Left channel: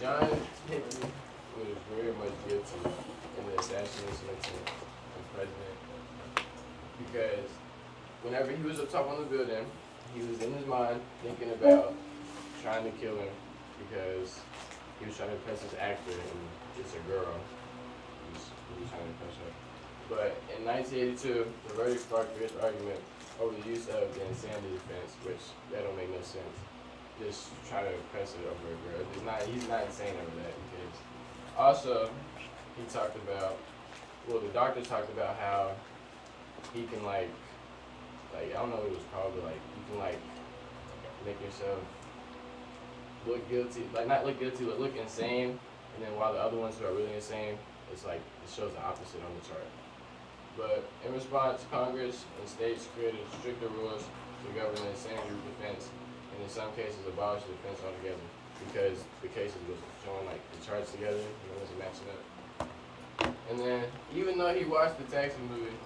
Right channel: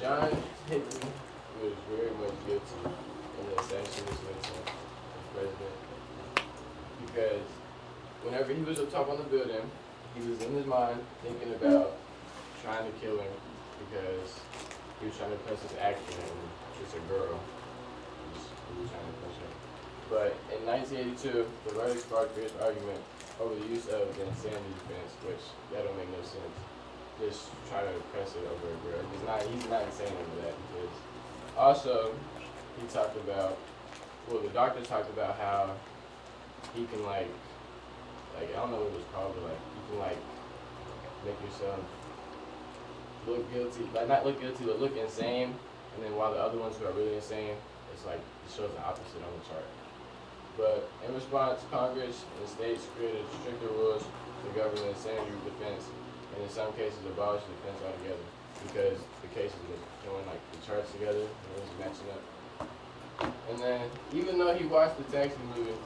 John Hinckley was very much guilty in the assassination attempt of the president because whenever he was up top on the building, he was in his mind thinking about trying to kill him because he was trying to impress this actor and it's a girl. He was trying to impress her. But in 1982, the verdict sparked fierce argument over the use of the insanity defense, which that don't make no sense. Just trying to impress it over a girl. He's not insane over that because also he talked about, well, the doctors talked about how he can like I don't know what it was called, but like you can like make yourself look guilty, like not look guilty, but look insane, and then while the other ones who are really insane, it's like it shows the opposite on the chart. But in response, Congress and states created stricter rules to govern the insanity defense, and in some cases abolished the defense altogether because the cases were showing like the charts together and it wasn't matching up. And then even though he watched the Taxi movie,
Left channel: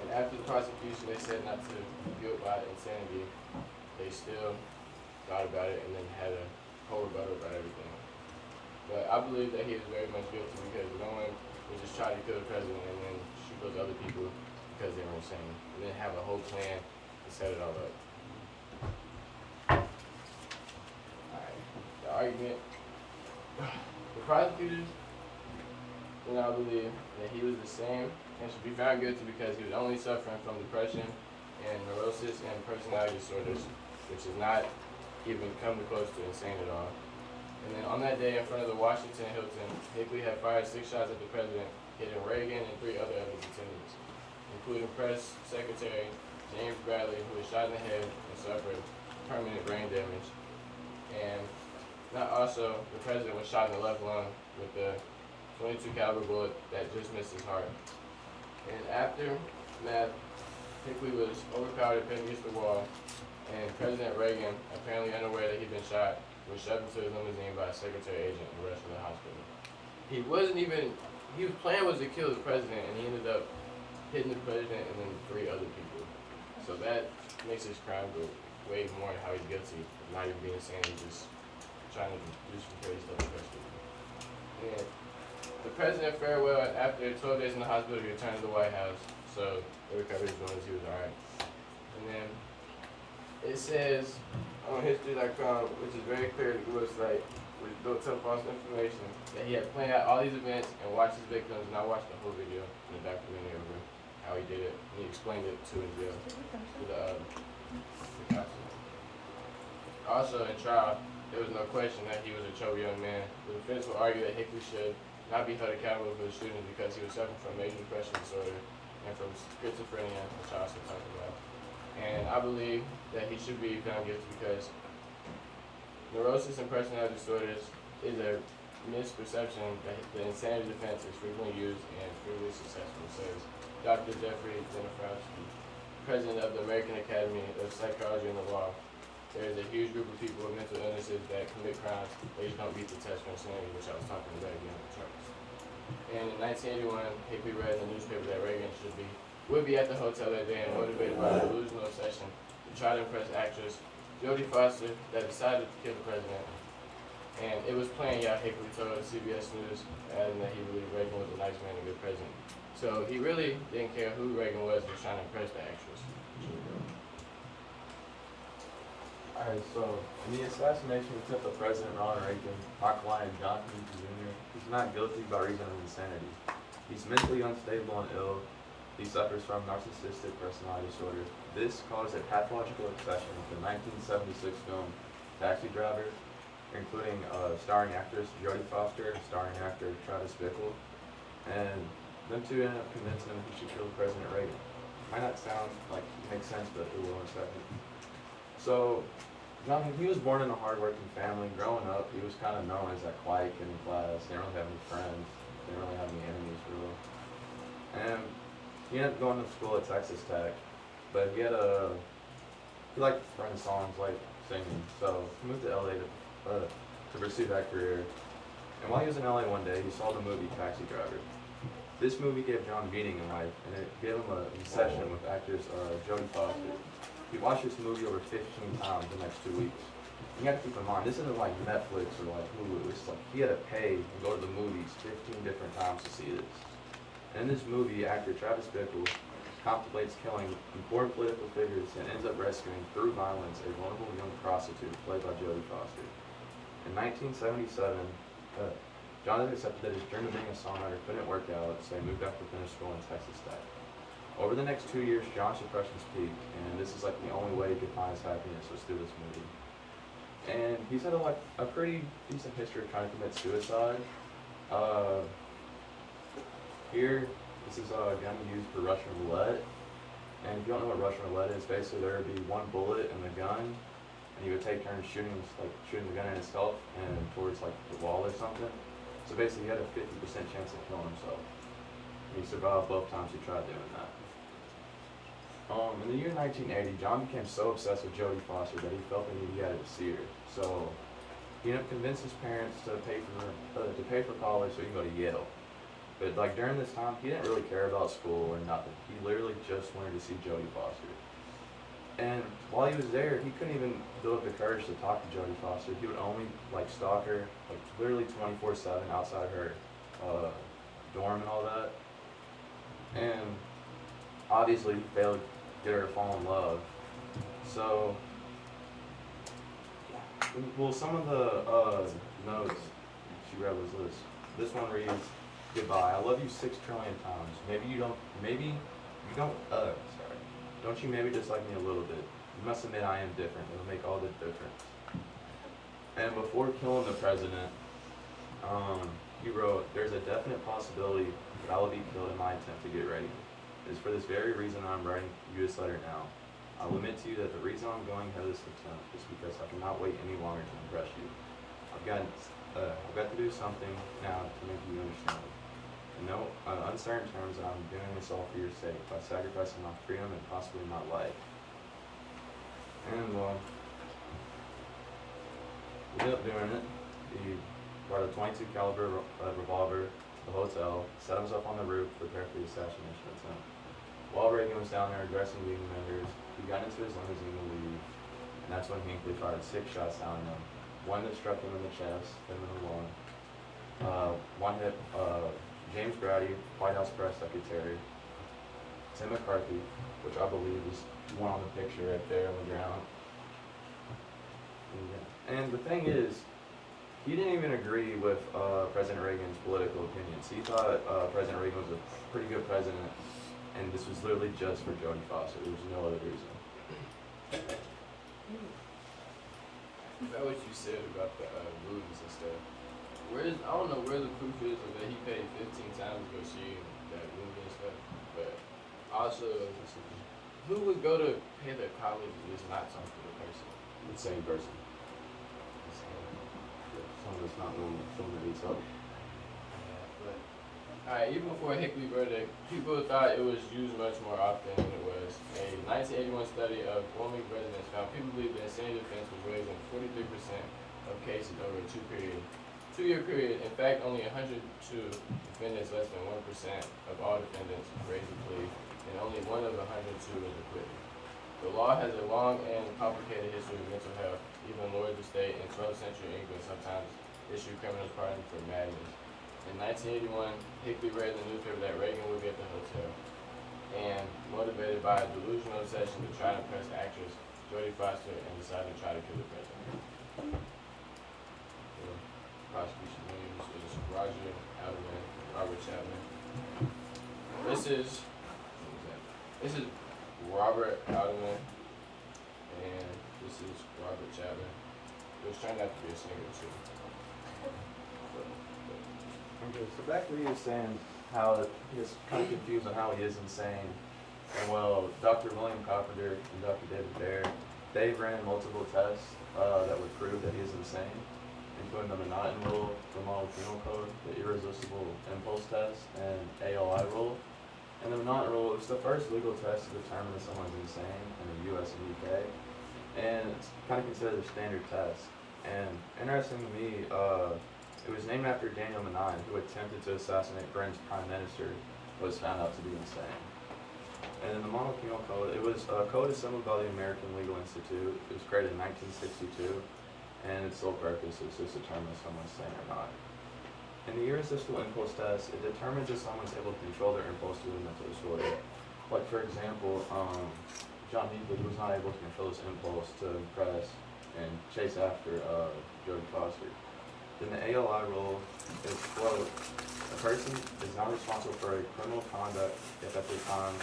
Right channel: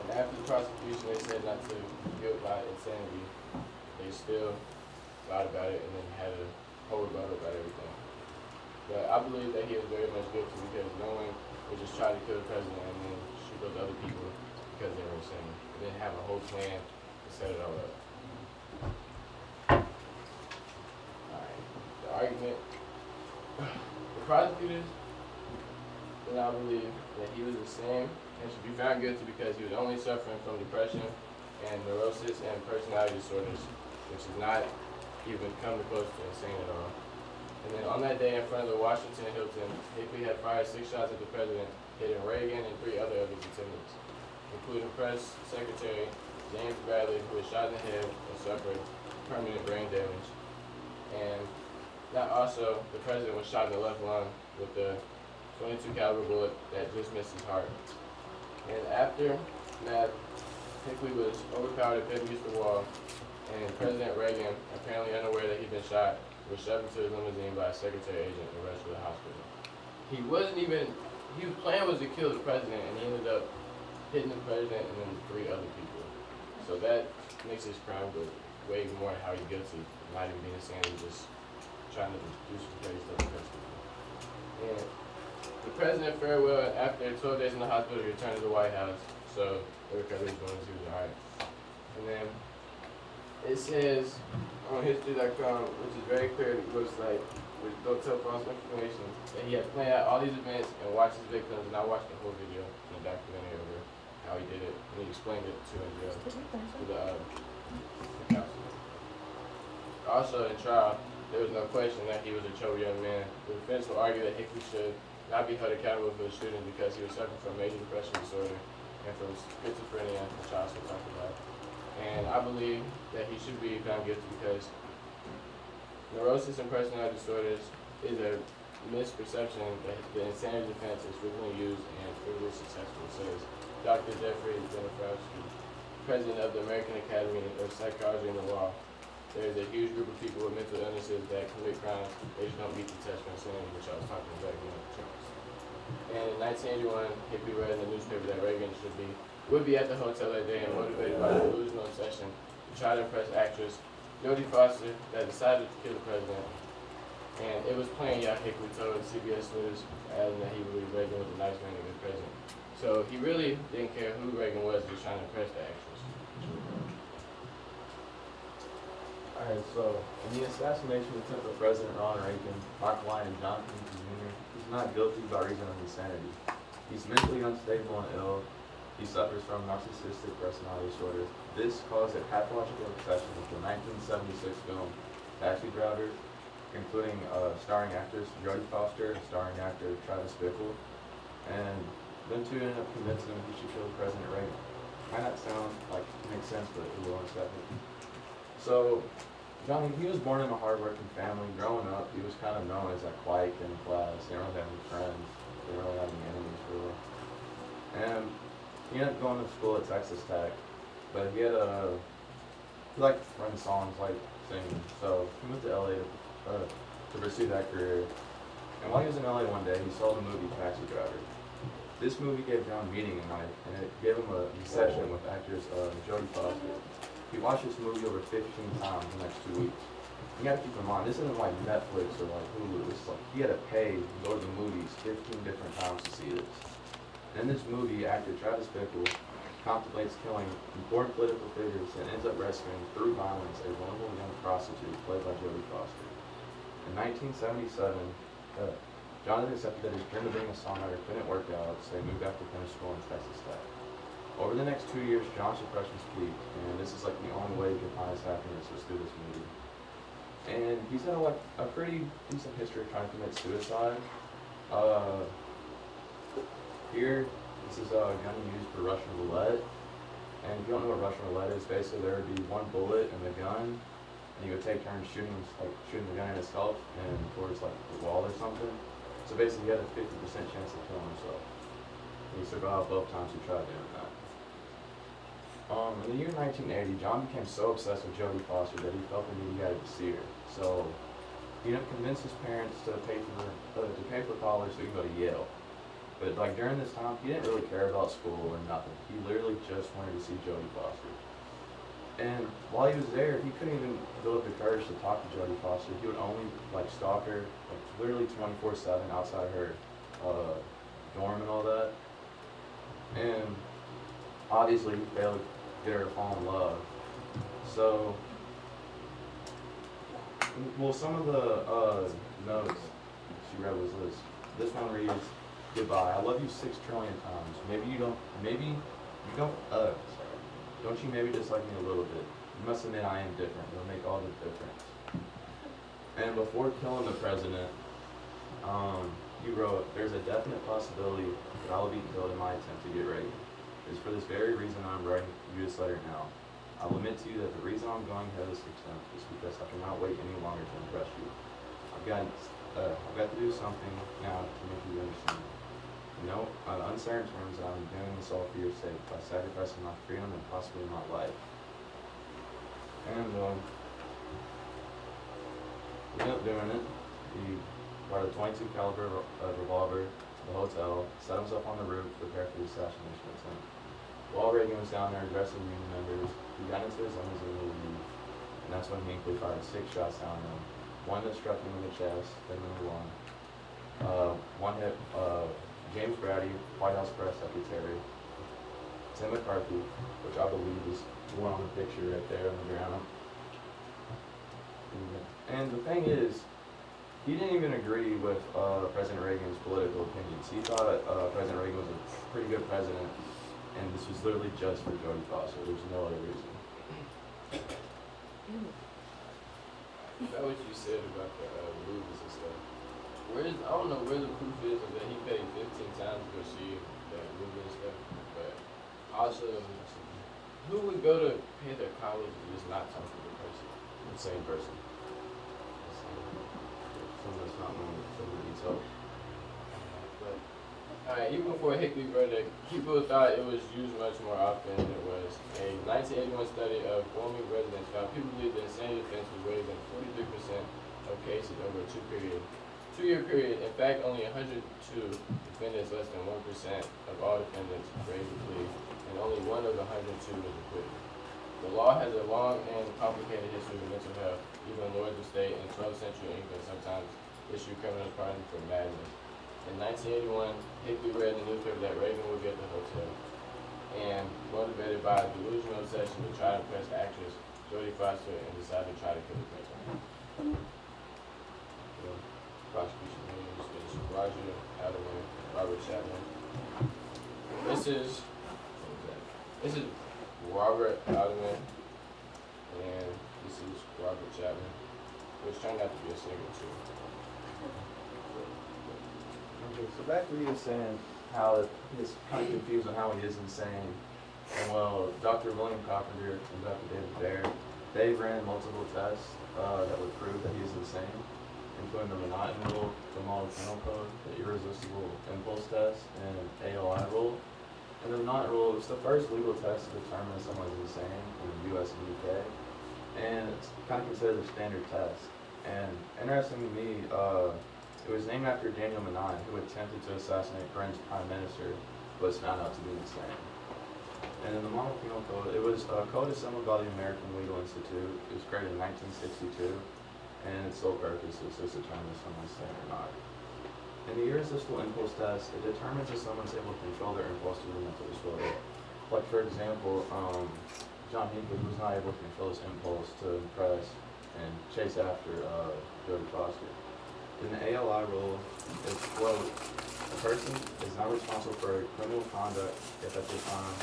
and after the prosecution they said not to guilt by insanity, they still thought about it and then had a whole rebuttal about everything. But I believe that he is very much guilty because no one would just try to kill the president and then shoot those other people because they were insane. And then have a whole plan to set it all up. Alright, the argument. The prosecutors do not believe that he was the same and should be found guilty because he was only suffering from depression and neurosis and personality disorders, which is not even come close to insane at all. And then on that day in front of the Washington Hilton, Hinckley had fired 6 shots at the president, hitting Reagan and 3 other of his attendants, including press secretary James Bradley, who was shot in the head and suffered permanent brain damage. And also, the president was shot in the left lung with the .22 caliber bullet that just missed his heart. And after that, Hinckley was overpowered and pinned against the wall, and President Reagan, apparently unaware that he'd been shot, was shoved into his limousine by a secretary agent and rushed to the hospital. His plan was to kill the president, and he ended up hitting the president and then 3 other people. So that makes his crime go way more how he's guilty, not even being insane, he's just trying to do some crazy stuff to impress people. And the president fared well after 12 days in the hospital. He returned to the White House, so the recovery was he was alright. And then it says on history.com, which is very clear to the website, which don't tell false information, that he had planned out all these events and watched his victims, and I watched the whole video in the documentary over how he did it, and he explained it to in jail to the counsel. Also in trial, there was no question that he was a troubled young man. The defense will argue that Hinckley should not be held accountable for his shooting because he was suffering from major depression disorder and from schizophrenia, which I also talked about. And I believe that he should be found guilty because neurosis and personality disorders is a misperception that the insanity defense is frequently used and frequently successful, says Dr. Jeffrey Demofsky, president of the American Academy of Psychology and the Law. There's a huge group of people with mental illnesses that commit crimes. They just don't meet the test for insanity, which I was talking about in the terms. And in 1981, Hinckley read in the newspaper that Reagan would be at the hotel that day and motivated by a delusional obsession to try to impress actress Jodie Foster that decided to kill the president. And it was planned, Hinckley told CBS News, adding that he believed Reagan was a nice man and a good president. So he really didn't care who Reagan was, just trying to impress the actress. Alright, so in the assassination attempt of President Ronald Reagan, my client John Hinckley Jr. is not guilty by reason of insanity. He's mentally unstable and ill. He suffers from narcissistic personality disorder. This caused a pathological obsession with the 1976 film Taxi Driver, including starring actress Jodie Foster and starring actor Travis Bickle. And them two ended up convincing him he should kill President Reagan. Might not sound like it makes sense, but it will in a second. So, John, he was born in a hardworking family. Growing up, he was kind of known as a quiet kid in class. They didn't really have any friends. They didn't really have any enemies, really. And he ended up going to school at Texas Tech, but he liked to learn songs, like singing. So he moved to LA to pursue that career. And while he was in LA one day, he saw the movie Taxi Driver. This movie gave John Beating a knife, and it gave him a session with actress Jodie Foster. He watched this movie over 15 times the next 2 weeks. you gotta keep in mind, this isn't like Netflix or like Hulu. This is like, he had to pay and go to the movies 15 different times to see this. And in this movie, actor Travis Bickle contemplates killing important political figures and ends up rescuing, through violence, a vulnerable young prostitute played by Jodie Foster. In 1977, Jonathan accepted that his dream of being a songwriter couldn't work out, so he moved back to finish school in Texas Tech. Over the next 2 years, John's depressions peaked, and this is like the only way he could find his happiness was through this movie. And he's had a pretty decent history of trying to commit suicide. Here, this is a gun used for Russian roulette. And if you don't know what Russian roulette is, basically there would be one bullet in the gun, and you would take turns shooting the gun at himself and towards like the wall or something. So basically, he had a 50% chance of killing himself. He survived both times he tried doing that. In the year 1980, John became so obsessed with Jodie Foster that he felt the need he had to see her. So he convinced his parents to pay for college so he could go to Yale. But like during this time, he didn't really care about school or nothing. He literally just wanted to see Jodie Foster. And while he was there, he couldn't even build up the courage to talk to Jodie Foster. He would only like stalk her, like literally 24/7 outside her dorm and all that. And obviously, he failed to get her to fall in love. So, well, some of the notes she read was this. This one reads, "Goodbye. I love you 6 trillion times. Don't you maybe dislike me a little bit? You must admit I am different. It'll make all the difference." And before killing the president, he wrote, "There's a definite possibility that I will be killed in my attempt to get Reagan. It is for this very reason I'm writing you this letter now. I will admit to you that the reason I'm going ahead of this attempt is because I cannot wait any longer to impress you. I've got to do something now to make you understand. In no uncertain terms that I'm doing this all for your sake, by sacrificing my freedom and possibly my life." And he ended up doing it. He brought a .22 caliber revolver to the hotel, set himself on the roof to prepare for the assassination attempt. While Reagan was down there aggressing Union members, he got into his limousine to leave, and that's when Hinckley fired 6 shots down at him. One that struck him in the chest, him in the lung. One hit James Grady, White House press secretary. Tim McCarthy, which I believe is one on the picture right there on the ground. And the thing is, he didn't even agree with President Reagan's political opinions. He thought President Reagan was a pretty good president, and this was literally just for Jodie Foster. There's no other reason. That what you said about the movies and stuff. I don't know where the proof is of that he paid 15 times to go see that movie and stuff. But also, who would go to pay their college and just not talk to the person? The same person. Someone that's not normal, someone that needs help. But alright, even before Hinckley wrote it, people thought it was used much more often than it was. A 1981 study of Wyoming residents found people believe the insanity defense was raised in 43% of cases over a two-year period. In fact, only 102 defendants, less than 1% of all defendants, raised a plea, and only 1 of 102 was acquitted. The law has a long and complicated history of mental health. Even lords of state in 12th century England sometimes issued criminals pardons for madness. In 1981, Hinckley read in the newspaper that Reagan would be at the hotel, and motivated by a delusional obsession to try to impress actress Jodie Foster, and decided to try to kill the president. Prosecution names was Roger Alderman, Robert Chapman. This is Robert Alderman, and this is Robert Chapman, which turned out to be a singer too. Okay, so back to what you were saying, how he was kind of confused on how he is insane. And well, Dr. William Carpenter and Dr. David Baer, they ran multiple tests that would prove that he is insane, including the Monotony rule, the Model Penal Code, the Irresistible Impulse Test, and ALI rule. And the Monotony rule is the first legal test to determine if someone's insane in the US and UK. And it's kind of considered a standard test. And interesting to me, it was named after Daniel Menai, who attempted to assassinate Britain's Prime Minister, but was found out to be insane. And in the Model Penal Code, it was a code assembled by the American Legal Institute. It was created in 1962. and its sole purpose is to determine if someone's sane or not. In the irresistible impulse test, it determines if someone's able to control their impulse through the mental disorder. Like for example, John Hinckley was not able to control his impulse to impress and chase after Jodie Foster. In the ALI rule, it's quote, a person is not responsible for criminal conduct if at the time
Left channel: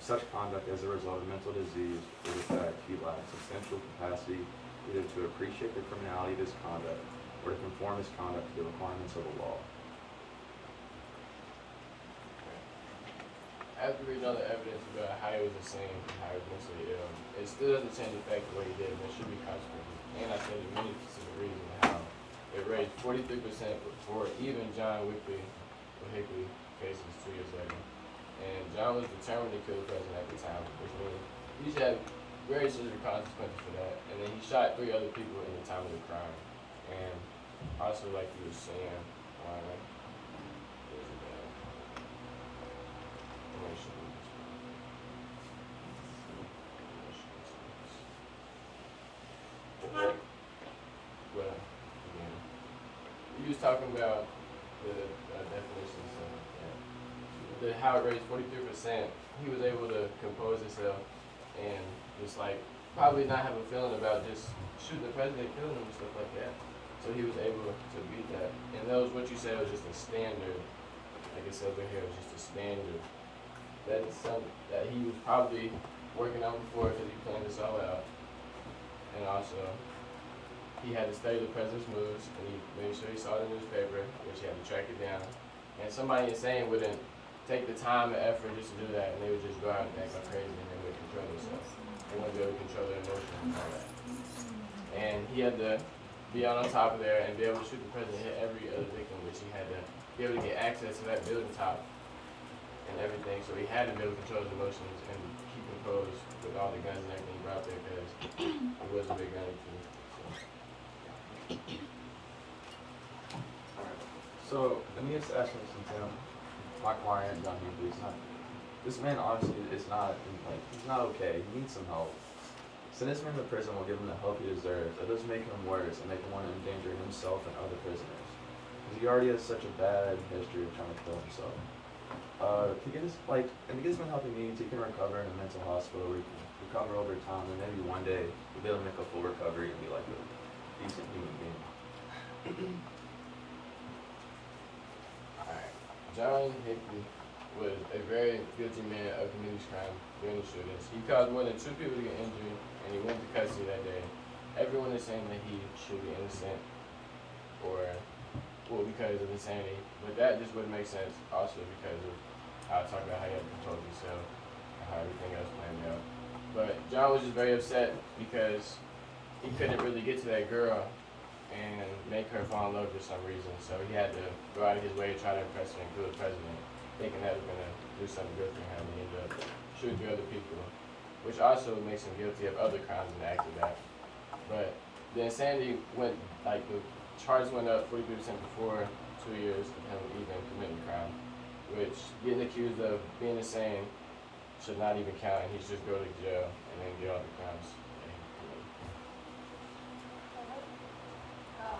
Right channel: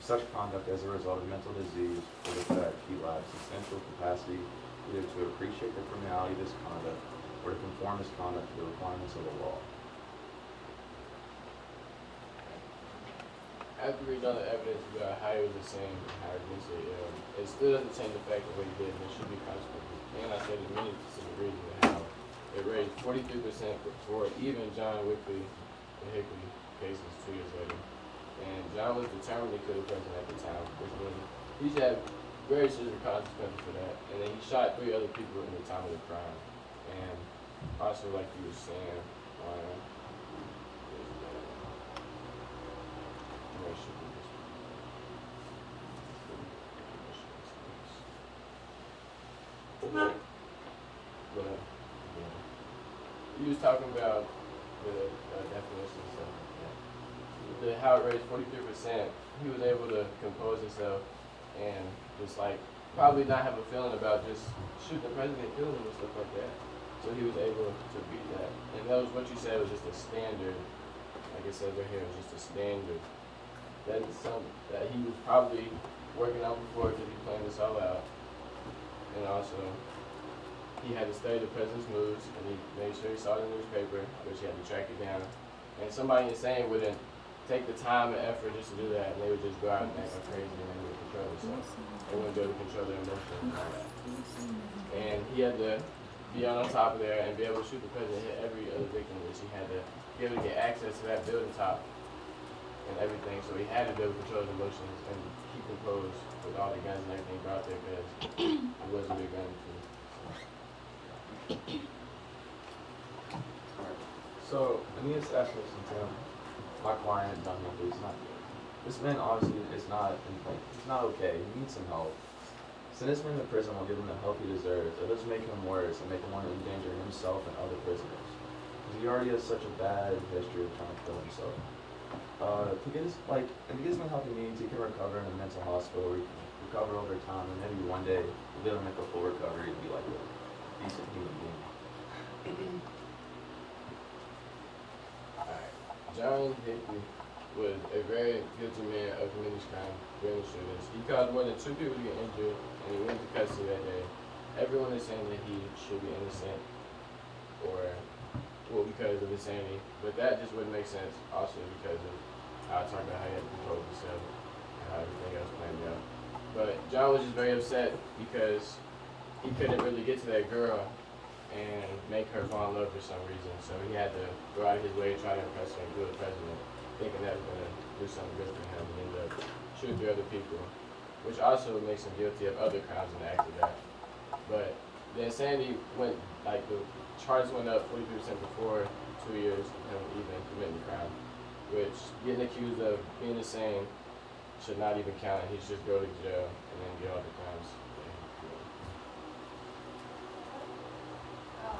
such conduct as a result of mental disease or defect he lacks substantial capacity either to appreciate the criminality of his conduct or to conform his conduct to the requirements of the law. After we know the evidence about how he was insane and how he was mentally ill, it still doesn't change the fact that what he did was should be consequences. And I said many specific reasons how it raised 43% before even John Hinckley case was 2 years later. And John was determined to kill the president at the time, which means he should have very severe consequences for that. And then he shot 3 other people in the time of the crime. And also, like he was saying, well, yeah. He was talking about the definition and stuff like that. How it raised 43%, he was able to compose himself and just like probably not have a feeling about just shooting the president, killing him and stuff like that. So he was able to beat that. And that was what you said was just a standard, like it says right here, just a standard. That is something that he was probably working on before because he planned this all out. And also, he had to study the president's moves, and he made sure he saw the newspaper, which he had to track it down. And somebody insane wouldn't take the time and effort just to do that, and they would just go out and act like crazy, and they wouldn't control themselves. They wouldn't be able to control their emotions and all that. And he had to be out on top of there and be able to shoot the president, hit every other victim, which he had to be able to get access to that building top and everything. So he had to be able to control his emotions and keep composed with all the guns and everything brought there because it wasn't their gun team. So, Aeneas assassination attempt, my client, John Hinckley, is not good. This man obviously is not, he's not okay. He needs some help. Sending him to prison will give him the help he deserves. It doesn't make him worse and make him want to endanger himself and other prisoners. Because he already has such a bad history of trying to kill himself. If he gets some help he needs, he can recover in a mental hospital, recover over time, and maybe one day he'll be able to make a full recovery and be like a decent human being. Alright. John Hinckley was a very guilty man of committing these crimes during the shootings. He caused more than 2 people to get injured, and he went to custody that day. Everyone is saying that he should be innocent, because of insanity. But that just wouldn't make sense, also because of how I talked about how he had to control himself and how everything else played out. But John was just very upset because he couldn't really get to that girl and make her fall in love for some reason. So he had to go out of his way to try to impress her and kill the president, thinking that was going to do something good for him, and ended up shooting 3 other people, which also makes him guilty of other crimes in the after that. But the insanity went, like the charge went up 43% before 2 years of him even committing crime, which getting accused of being insane should not even count, and he should just go to jail and then get all the crimes that he committed.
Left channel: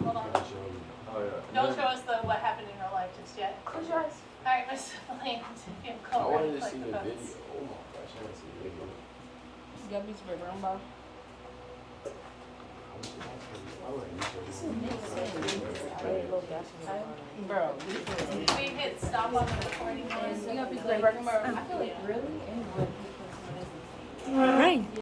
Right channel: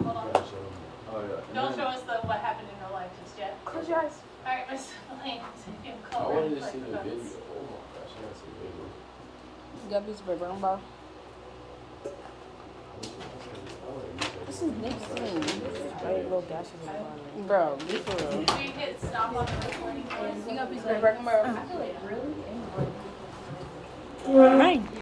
Hold on. Oh, yeah. Don't show us what happened in her life just yet. Close your eyes. Alright, Miss Elaine, you I go wanted to right see the quick. video. Oh my gosh, I gotta see the video. You got a piece of paper, bro. This is Nixon. Bro, be for real. Can we hit stop on the recording? You got a piece of paper, bro. Really? Right.